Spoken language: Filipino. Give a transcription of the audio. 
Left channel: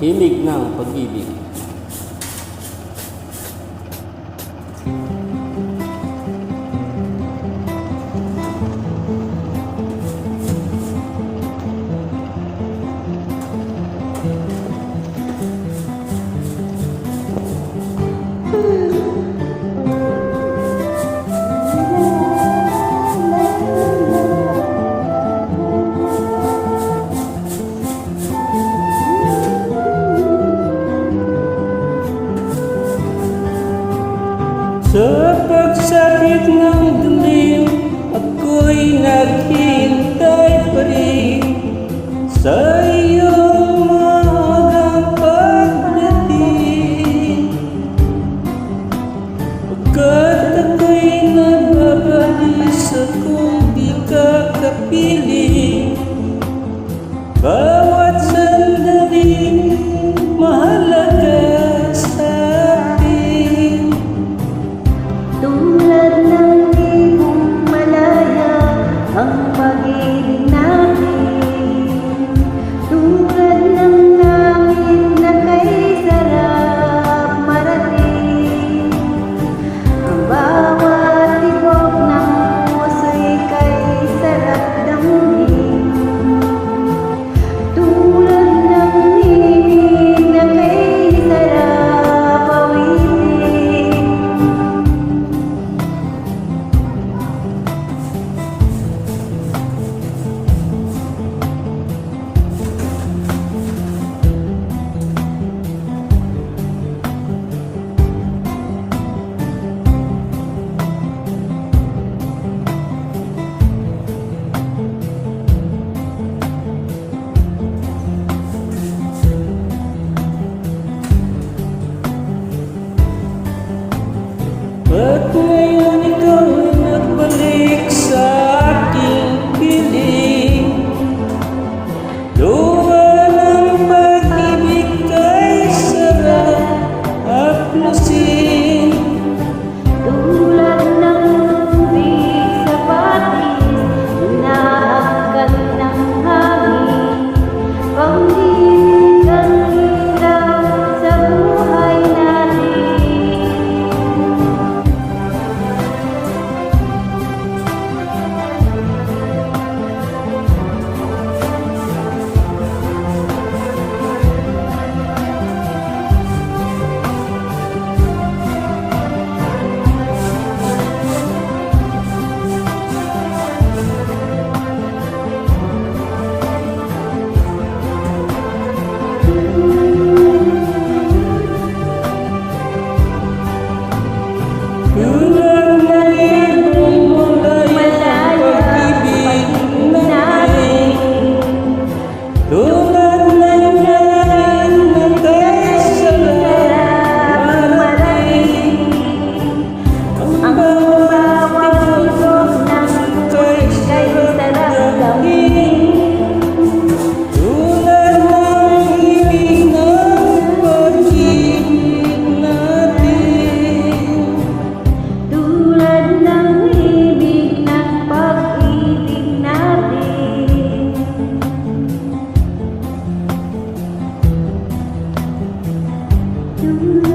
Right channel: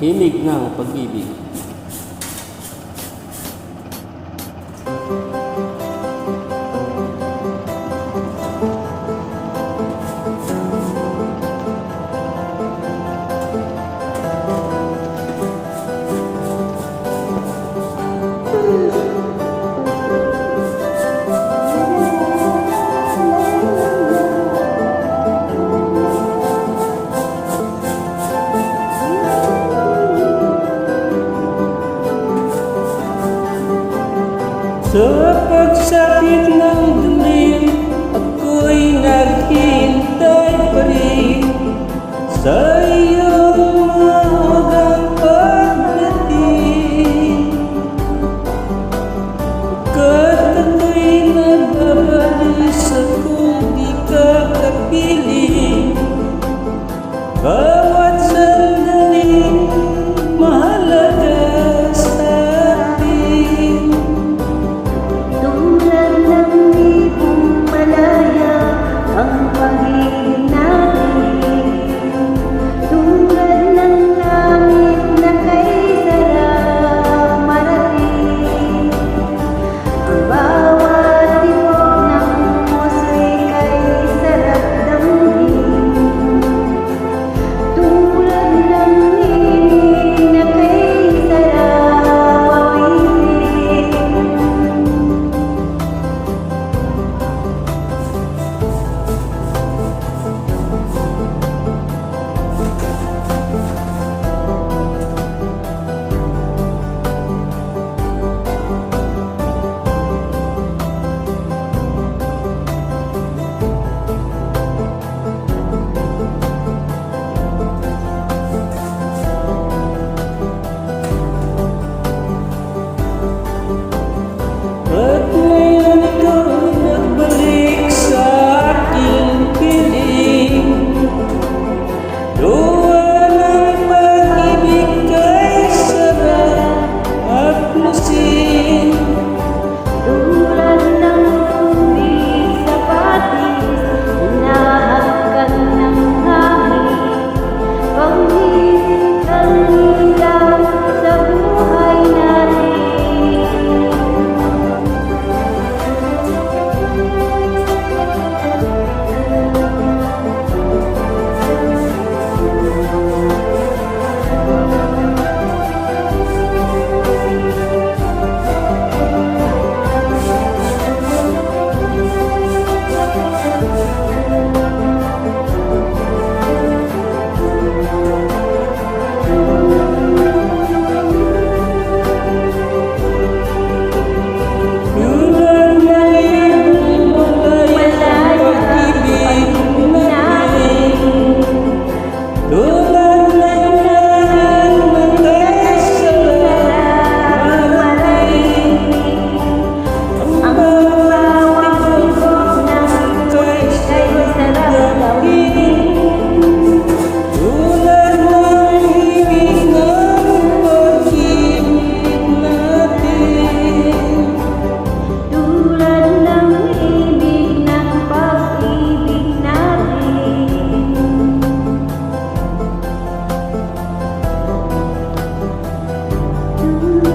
Himig ng pag-ibig. Sa pagsapit ng dilim, ako'y naghihintay pa rin sa iyong maagang pagdating. Pagkat ako'y nababalisa kung di ka kapiling, bawat sandaling mahalaga Tulad ng libong malaya Ang pag-ibig natin ti. do